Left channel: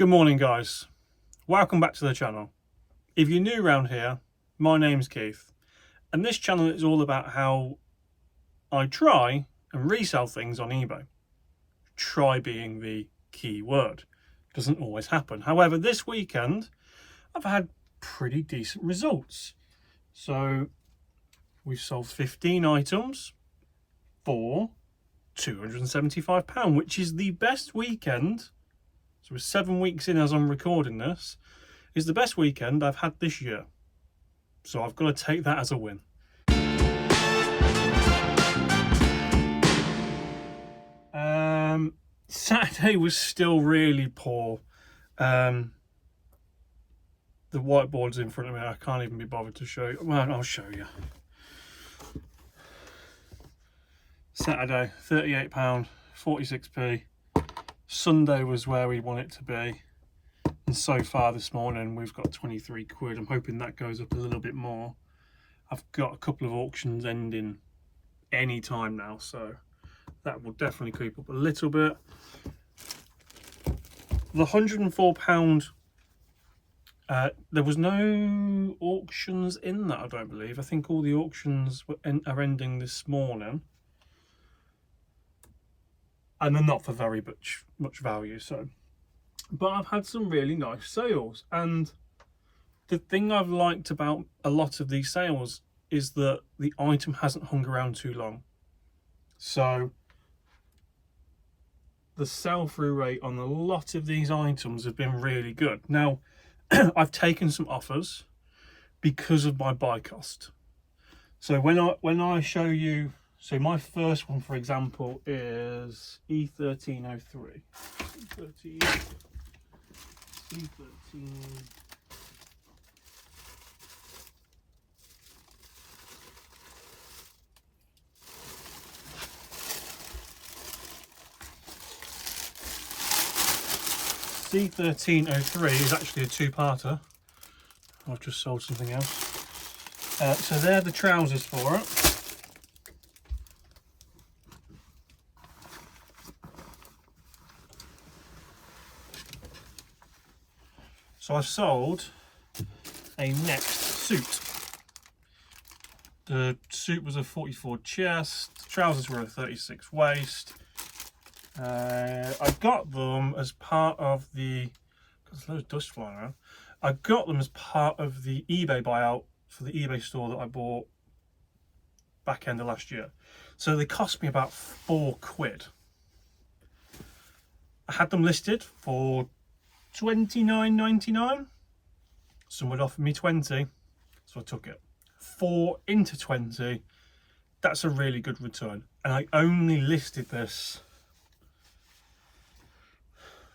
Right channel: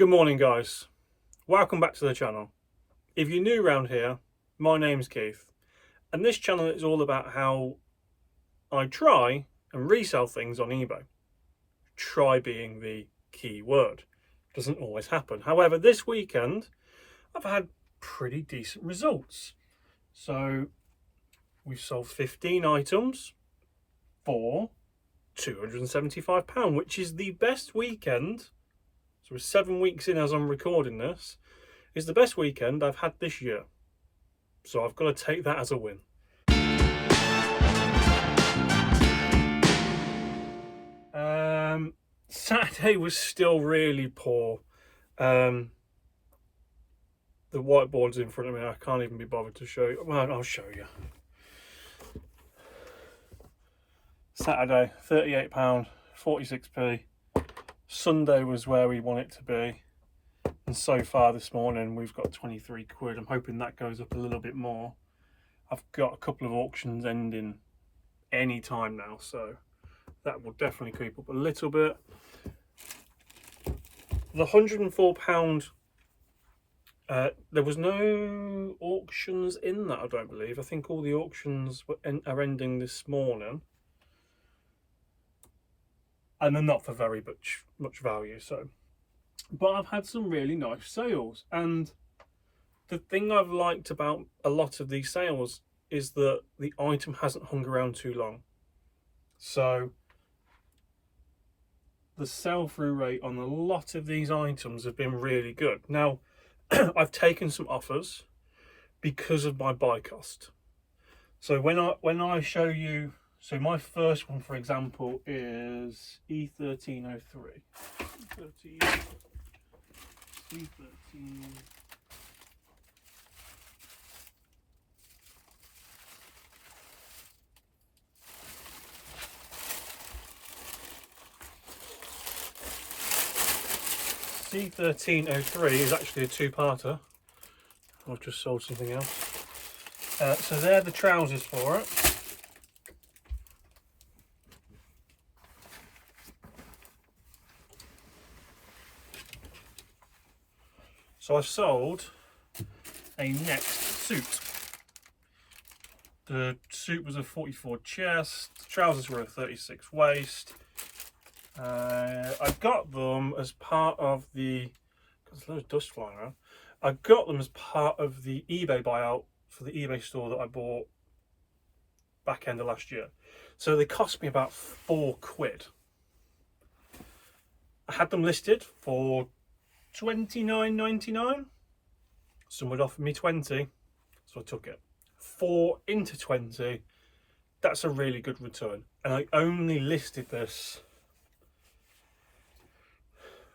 Good morning, guys. Welcome back to the channel. If you're new around here, my name's Keith, and this channel is all about how I try and resell things on eBay. Try being the key word. Doesn't always happen. However, this weekend I've had pretty decent results. So we've sold 15 items for £275, which is the best weekend. So we're 7 weeks in as I'm recording this, is the best weekend I've had this year. So I've got to take that as a win. Saturday was still really poor. The whiteboard's in front of me. I can't even be bothered to show you. Well, I'll show you. Saturday, £38, 46p. Sunday was where we want it to be, and so far this morning we've got 23 quid. I'm hoping that goes up a little bit more. I've got a couple of auctions ending any time now, so that will definitely creep up a little bit. The £104, there was no auctions in that, I don't believe. I think all the auctions are ending this morning, and they're not for very much value. So, but I've had some really nice sales, and the thing I've liked about a lot of these sales is that the item hasn't hung around too long. So the sell-through rate on a lot of these items have been really good. Now, I've taken some offers because of my buy cost. So when I show you, so my first one, for example, is E1303. E13. C1303 is actually a two-parter. I've just sold something else. So they're the trousers for it. So I've sold a next suit. The suit was a 44 chest, the trousers were a 36 waist. I got them as part of the, there's loads of dust flying around. I got them as part of the eBay buyout for the eBay store that I bought back end of last year. So they cost me about £4. I had them listed for £29.99. Someone offered me 20, so I took it. 4 into 20, that's a really good return. And I only listed this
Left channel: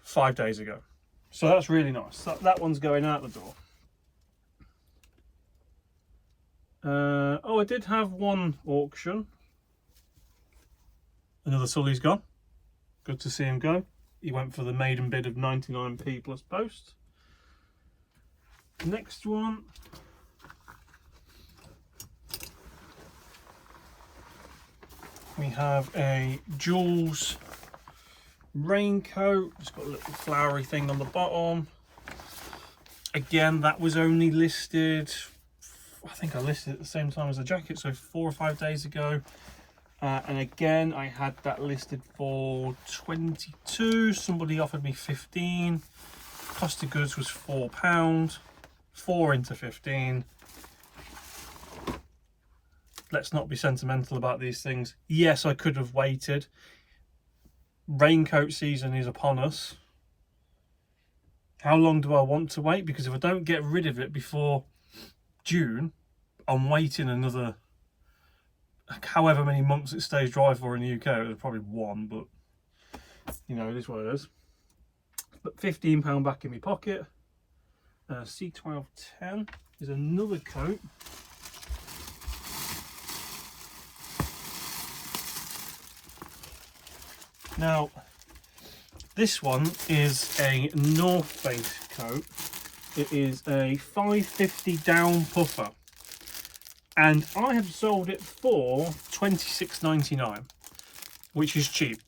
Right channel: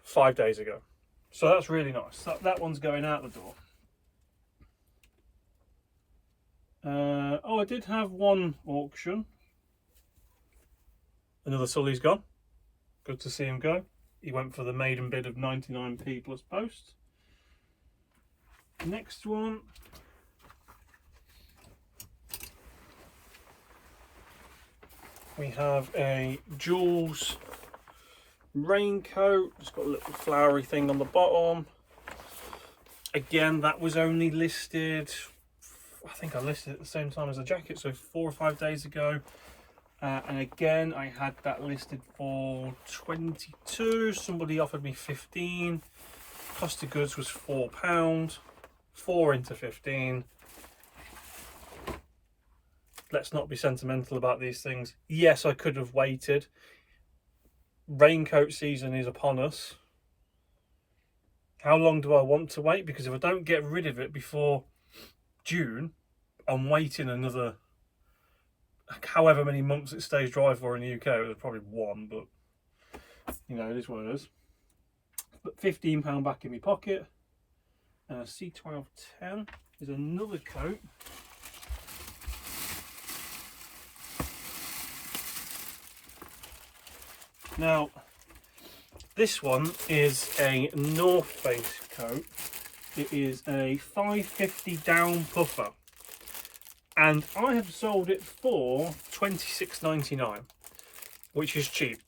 5 days ago, so that's really nice. That one's going out the door. Oh, I did have one auction. Another Sully's gone. Good to see him go. He went for the maiden bid of 99p plus post. Next one. We have a Jules raincoat. It's got a little flowery thing on the bottom. Again, that was only listed, I think I listed it at the same time as the jacket, so 4 or 5 days ago. And again, I had that listed for 22. Somebody offered me 15. Cost of goods was £4. 4 into 15. Let's not be sentimental about these things. Yes, I could have waited. Raincoat season is upon us. How long do I want to wait? Because if I don't get rid of it before June, I'm waiting another however many months it stays dry for in the UK. It was probably 1, but you know, it is what it is. But £15 back in my pocket. C1210 is another coat. Now, this one is a North Face coat. It is a 550 down puffer, and I have sold it for £26.99, which is cheap.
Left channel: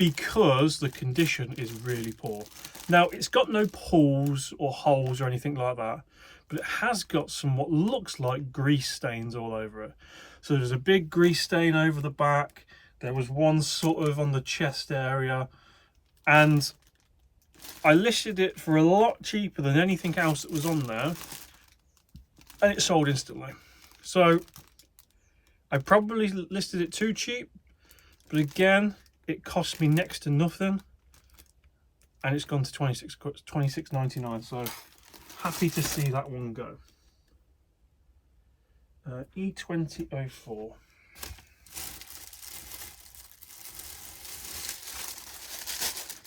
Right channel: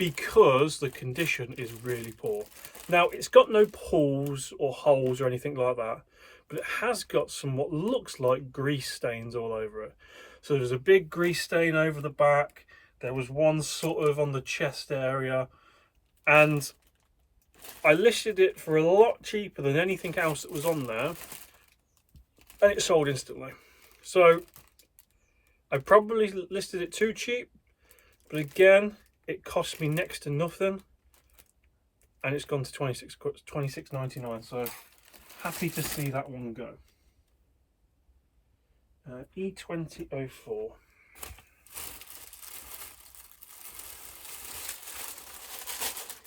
because the condition is really poor. Now, it's got no pores or holes or anything like that, but it has got some what looks like grease stains all over it. So there's a big grease stain over the back. There was one sort of on the chest area, and I listed it for a lot cheaper than anything else that was on there, and it sold instantly. So I probably listed it too cheap, but again, it cost me next to nothing, and it's gone to $26.99. So happy to see that one go. E2004.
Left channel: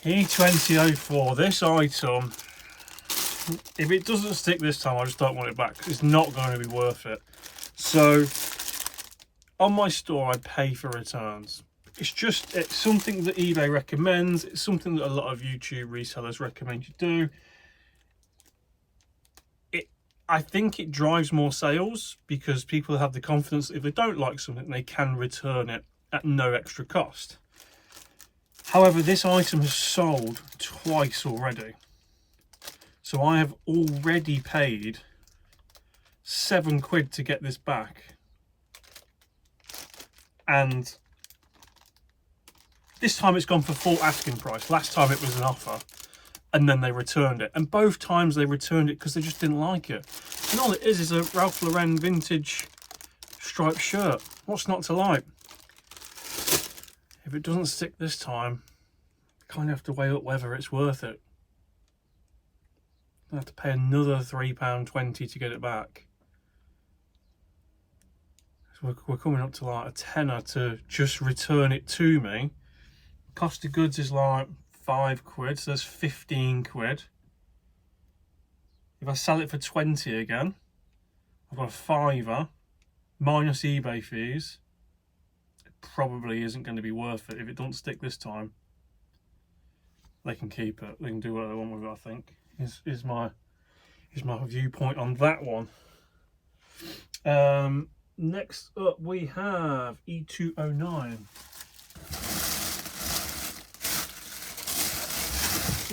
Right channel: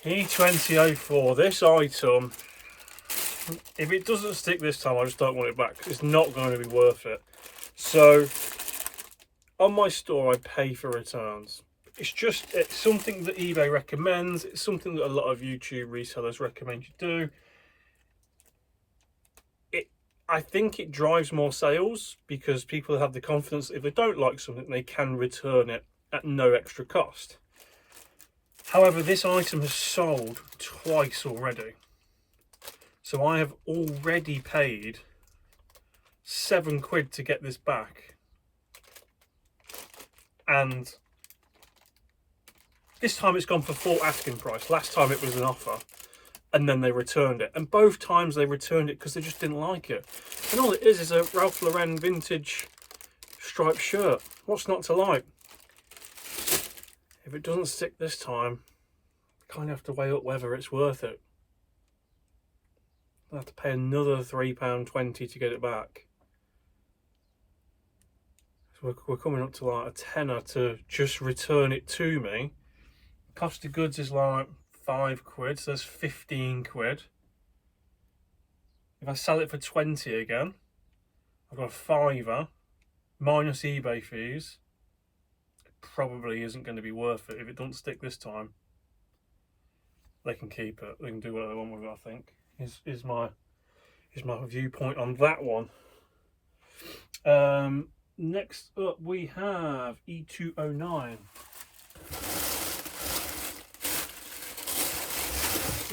E2004. This item, if it doesn't stick this time, I just don't want it back. It's not going to be worth it. So on my store, I pay for returns. It's something that eBay recommends. It's something that a lot of YouTube resellers recommend you do. I think it drives more sales because people have the confidence that if they don't like something, they can return it at no extra cost. However, this item has sold twice already. So I have already paid £7 to get this back. And this time it's gone for full asking price. Last time it was an offer. And then they returned it. And both times they returned it because they just didn't like it. And all it is a Ralph Lauren vintage striped shirt. What's not to like? If it doesn't stick this time, you kind of have to weigh up whether it's worth it. I have to pay another £3.20 to get it back. So we're coming up to like a tenner to just return it to me. Cost of goods is like £5, so that's £15. If I sell it for 20 again, I've got a £5 minus eBay fees. It probably isn't going to be worth it. If it doesn't stick this time, they can keep it. They can do what they want with it, I think. Is my viewpoint on that one. Next up we have E209.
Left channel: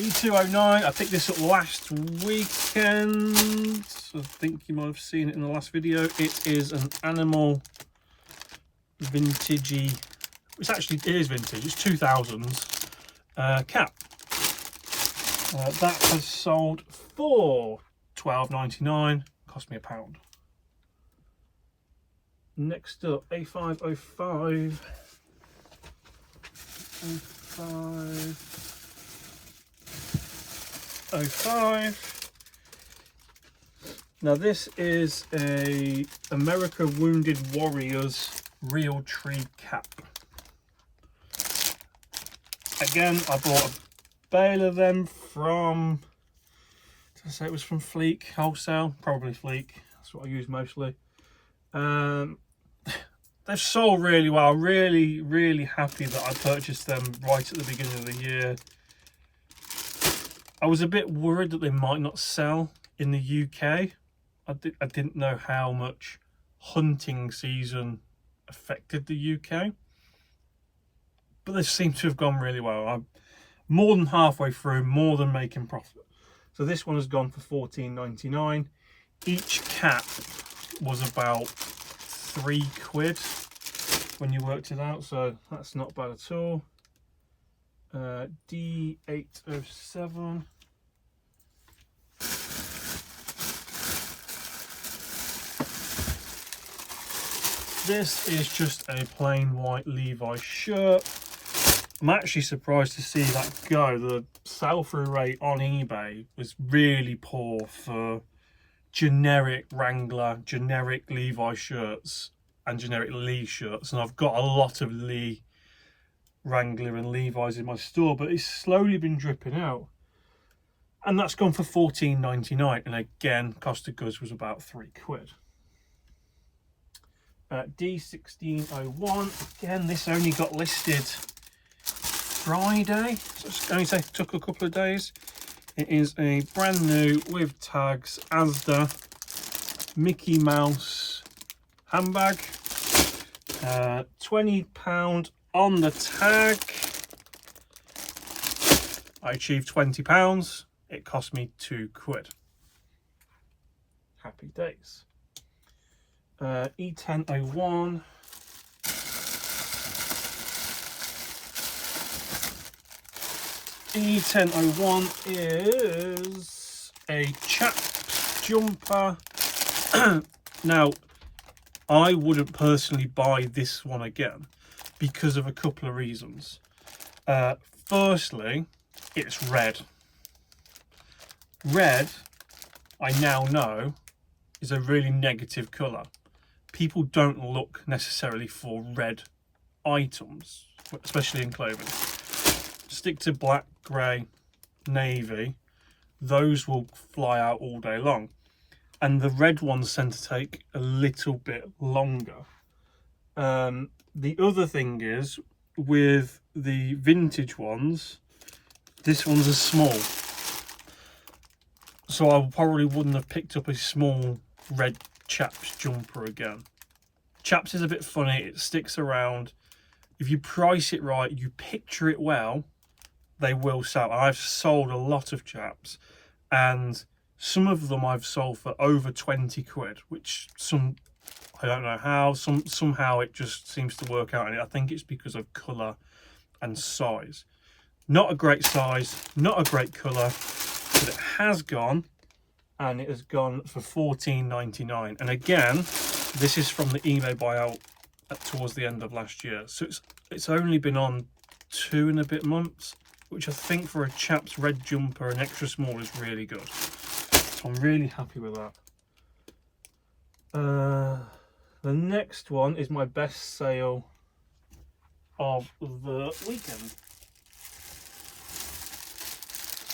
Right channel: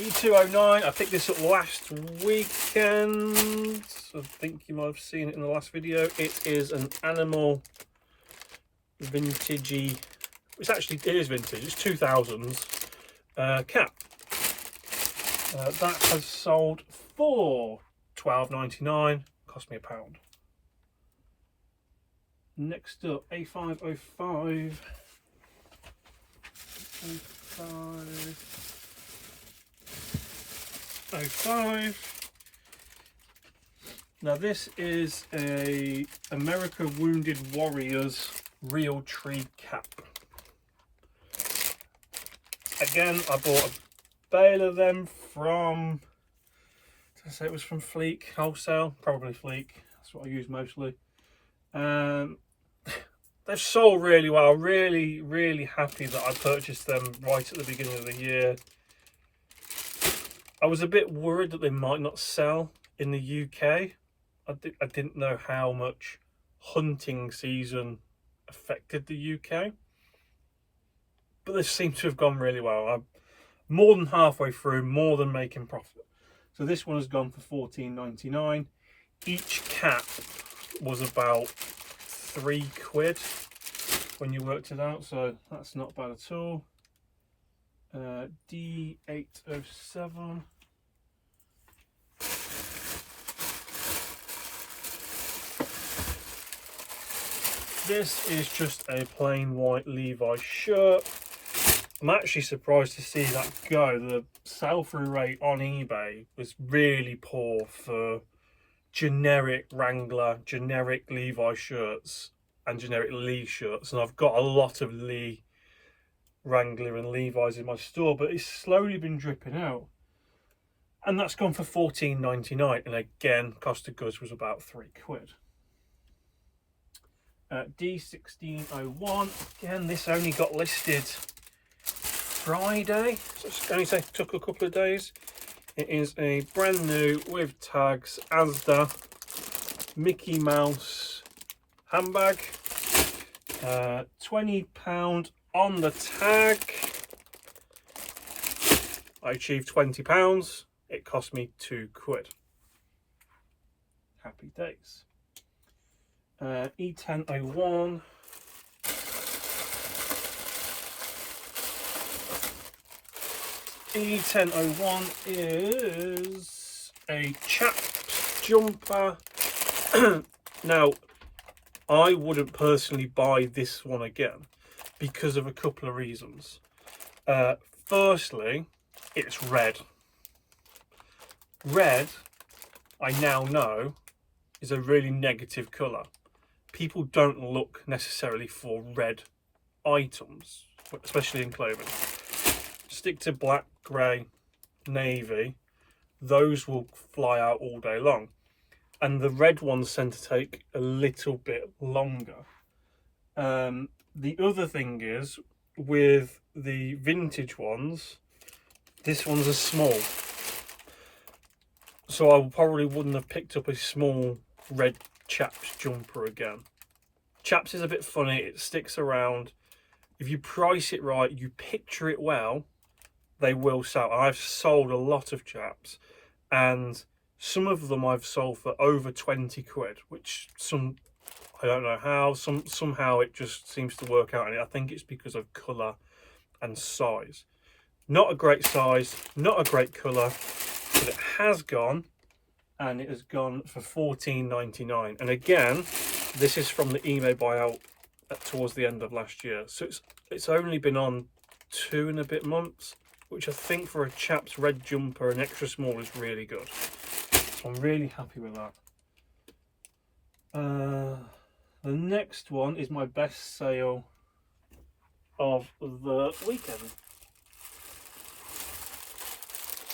E209, I picked this up last weekend. I think you might have seen it in the last video. It is an animal vintagey, it is vintage, it's 2000s cap. That has sold for £12.99, cost me £1. Next up, A505. A505. Now this is a America Wounded Warriors real tree cap. Again, I bought a bale of them from, did I say it was from Fleek Wholesale? Probably Fleek, that's what I use mostly. They've sold really well. I'm really happy that I purchased them right at the beginning of the year. I was a bit worried that they might not sell in the UK. I didn't know how much hunting season affected the UK, but they seem to have gone really well. I'm more than halfway through, more than making profit. So this one has gone for £14.99. Each cap was about £3 when you worked it out, so that's not bad at all. D807. This is just a plain white Levi's shirt. I'm actually surprised to see that go. The sell-through rate on eBay was really poor for generic Wrangler, generic Levi shirts and generic Lee shirts, and I've got a lot of Lee, Wrangler and Levi's in my store, but it's slowly been dripping out, and that's gone for £14.99, and again cost of goods was about £3. D1601, again this only got listed Friday, so it's only took a couple of days. It is a brand new with tags Asda Mickey Mouse handbag. £20 on the tag. I achieved £20. It cost me £2. Happy days. E1001. E1001 is a chaps jumper. Now, I wouldn't personally buy this one again because of a couple of reasons. Firstly, it's red. Red, I now know, is a really negative colour. People don't look necessarily for red items, especially in clothing. Stick to black, grey, navy, those will fly out all day long. And the red ones tend to take a little bit longer. The other thing is, with the vintage ones, this one's a small. So I probably wouldn't have picked up a small red chaps jumper again. Chaps is a bit funny, it sticks around. If you price it right, you picture it well, they will sell. I've sold a lot of chaps, and some of them I've sold for over £20, which I don't know how, somehow it just seems to work out, and I think it's because of colour and size. Not a great size, not a great colour, but it has gone, and it has gone for £14.99. And again, this is from the eBay buyout towards the end of last year, so it's only been on 2 and a bit months, which I think for a chap's red jumper, an extra small, is really good. So I'm really happy with that. The next one is my best sale of the weekend.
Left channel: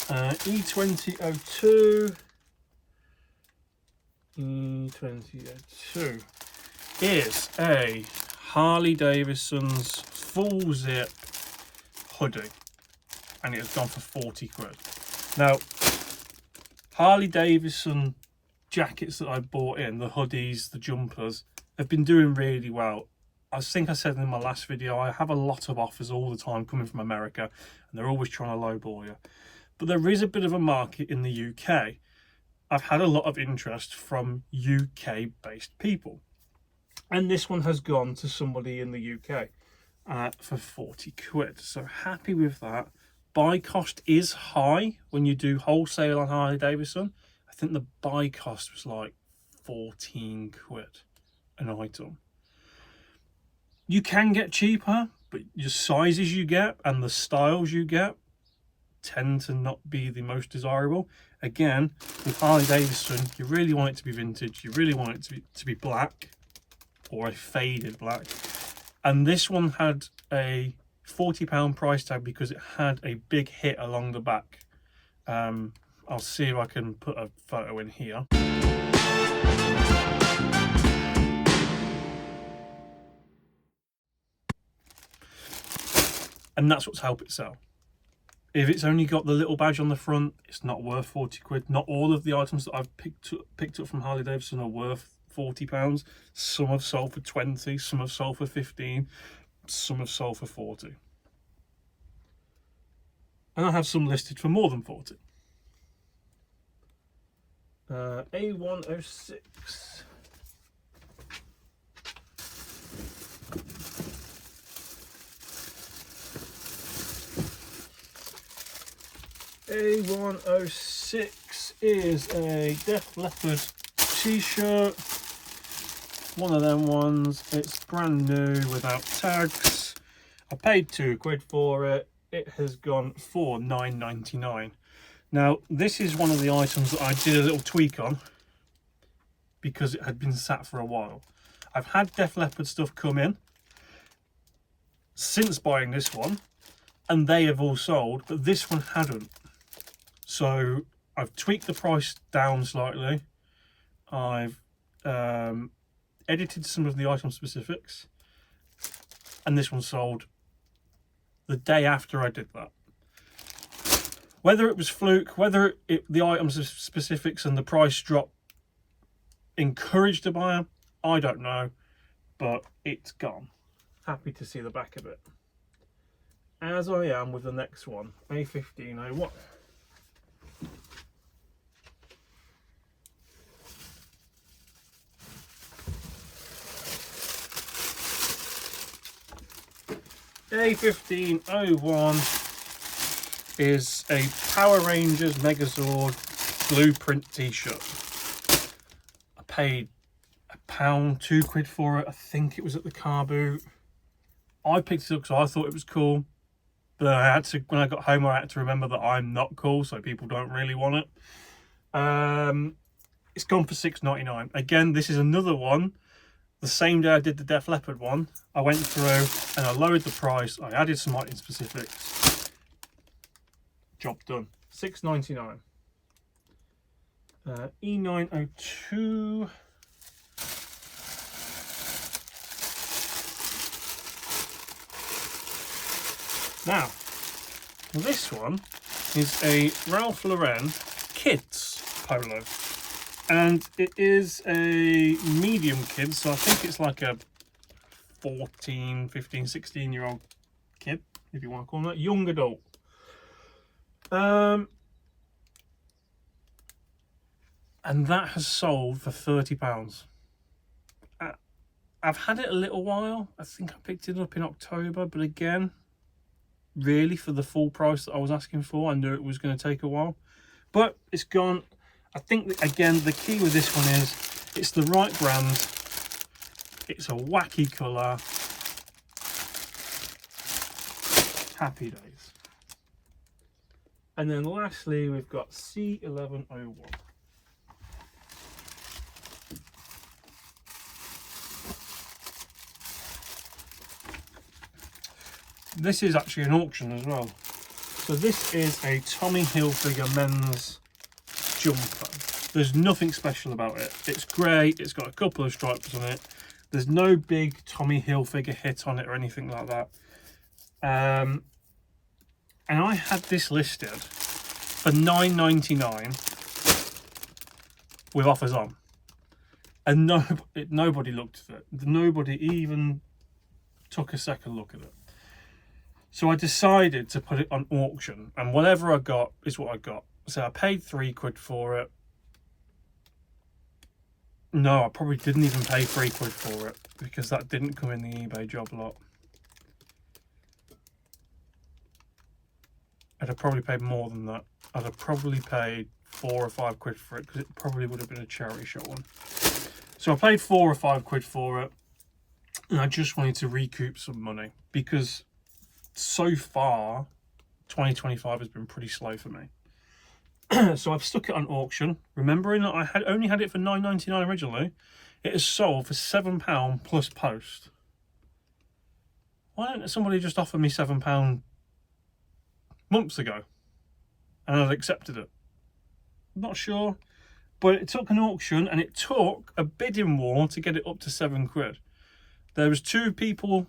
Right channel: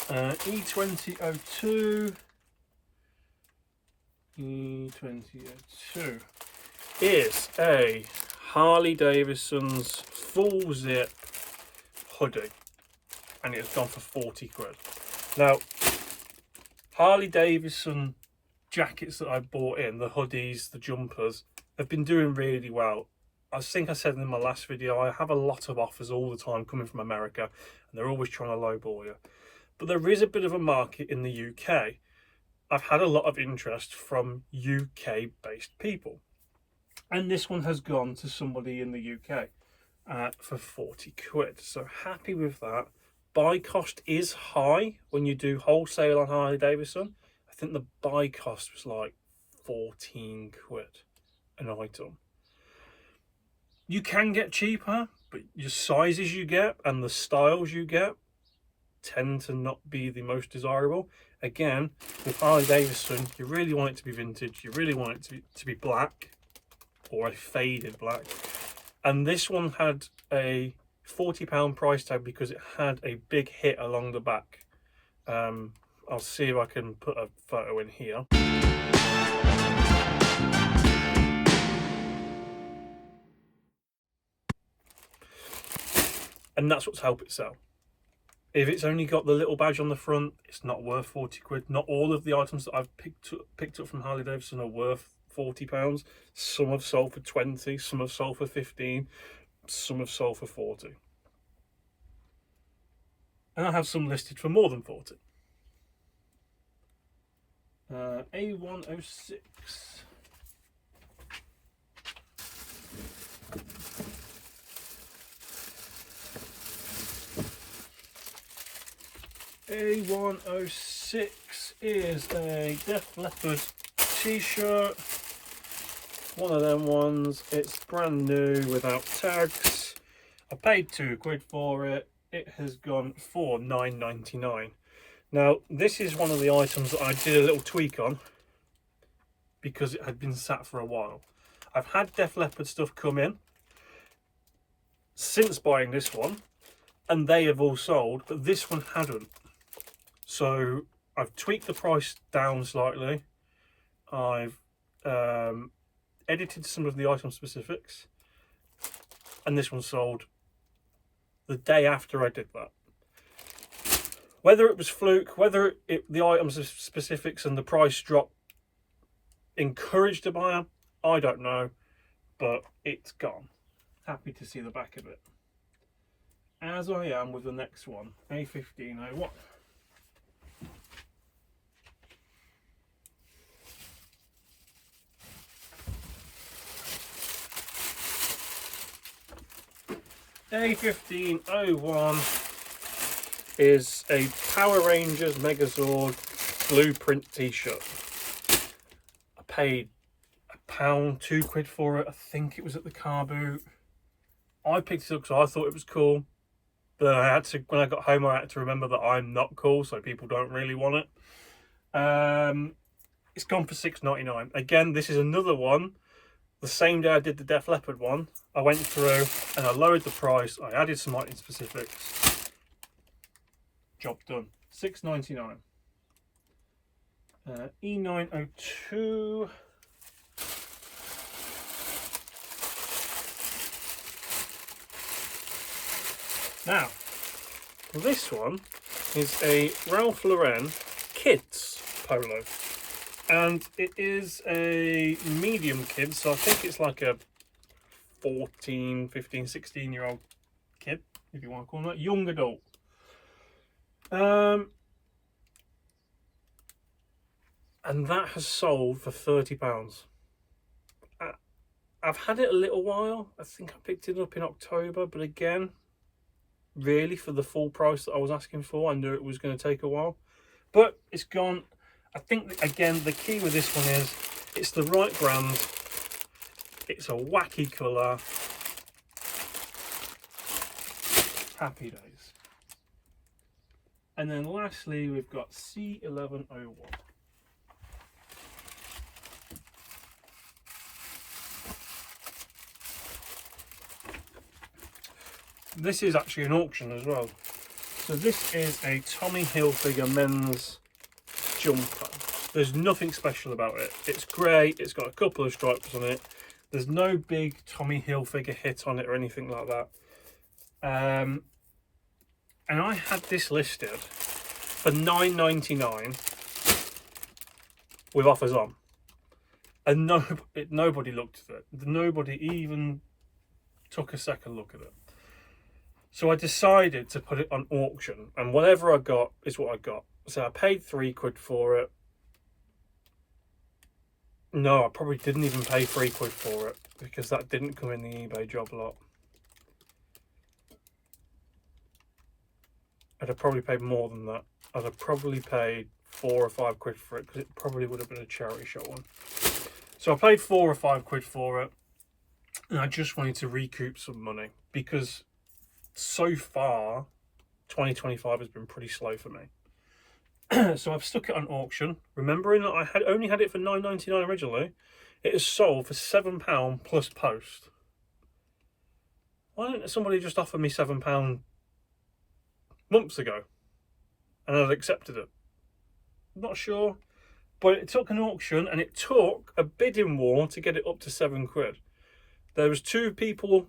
E2002 is a Harley Davidson's full zip hoodie, and it has gone for £40. Now, Harley Davidson jackets that I bought in, the hoodies, the jumpers, have been doing really well. I think I said in my last video, I have a lot of offers all the time coming from America, and they're always trying to lowball you. But there is a bit of a market in the UK. I've had a lot of interest from UK based people, and this one has gone to somebody in the UK for £40. So happy with that. Buy cost is high when you do wholesale on Harley Davidson. I think the buy cost was like £14 an item. You can get cheaper, but your sizes you get and the styles you get tend to not be the most desirable. Again, with Harley Davidson, you really want it to be vintage, you really want it to be black, or a faded black. And this one had a £40 price tag because it had a big hit along the back. I'll see if I can put a photo in here. And that's what's helped it sell. If it's only got the little badge on the front, it's not worth £40. Not all of the items that I've picked up from Harley Davidson are worth £40. Some have sold for 20, some have sold for 15, some have sold for 40. And I have some listed for more than 40. A106. A106 is a Def Leppard t-shirt. One of them ones. It's brand new without tags. I paid £2 for it. It has gone for £9.99. Now, this is one of the items that I did a little tweak on because it had been sat for a while. I've had Def Leppard stuff come in since buying this one, and they have all sold, but this one hadn't. So I've tweaked the price down slightly. I've edited some of the item specifics, and this one sold the day after I did that. Whether it was fluke, whether the items specifics and the price drop encouraged a buyer, I don't know, but it's gone. Happy to see the back of it. as I am with the next one, A1501. A1501 is a Power Rangers Megazord blueprint t-shirt. I paid £1, £2 for it. I think it was at the car boot. I picked it up because I thought it was cool, but I had to, when I got home, I had to remember that I'm not cool, so people don't really want it. It's gone for £6.99. Again, this is another one. The same day I did the Def Leppard one, I went through and I lowered the price. I added some item specifics. Job done. £6.99. E902. Now, this one is a Ralph Lauren kids polo. And it is a medium kid, so I think it's like a 14, 15, 16-year-old kid, if you want to call them that, young adult. And that has sold for £30. I've had it a little while. I think I picked it up in October, but again, really for the full price that I was asking for, I knew it was going to take a while. But it's gone. I think that, again, the key with this one is it's the right brand. It's a wacky colour. Happy days. And then lastly, we've got C1101. This is actually an auction as well. So this is a Tommy Hilfiger men's jumper. There's nothing special about it. It's grey, it's got a couple of stripes on it. There's no big Tommy Hilfiger hit on it or anything like that. And I had this listed for £9.99 with offers on. And nobody looked at it. Nobody even took a second look at it. So I decided to put it on auction, and whatever I got is what I got. So I paid £3 for it. No, I probably didn't even pay £3 for it because that didn't come in the eBay job lot. I'd have probably paid more than that. I'd have probably paid £4 or £5 for it because it probably would have been a charity shop one. So I paid £4 or £5 for it, and I just wanted to recoup some money because so far 2025 has been pretty slow for me. So I've stuck it on auction, remembering that I had only had it for £9.99 originally. It has sold for £7 plus post. Why didn't somebody just offer me £7 months ago and I'd accepted it? I'm not sure, but it took an auction and it took a bidding war to get it up to £7. There was 2 people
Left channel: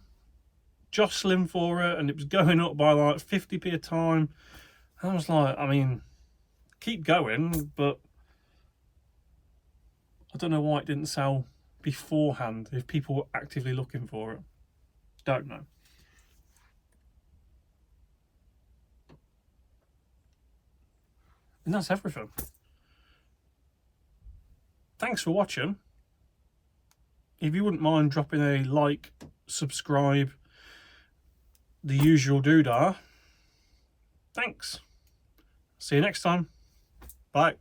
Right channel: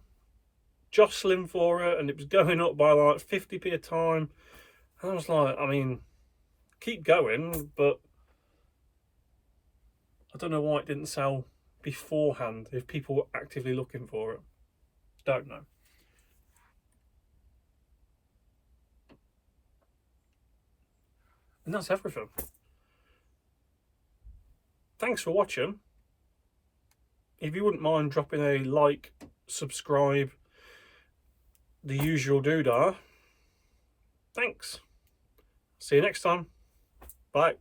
jostling for it and it was going up by like 50p a time. And I was like, I mean, keep going, but I don't know why it didn't sell beforehand if people were actively looking for it. Don't know. And that's everything. Thanks for watching. If you wouldn't mind dropping a like, subscribe, the usual doodah. Thanks. See you next time. Bye.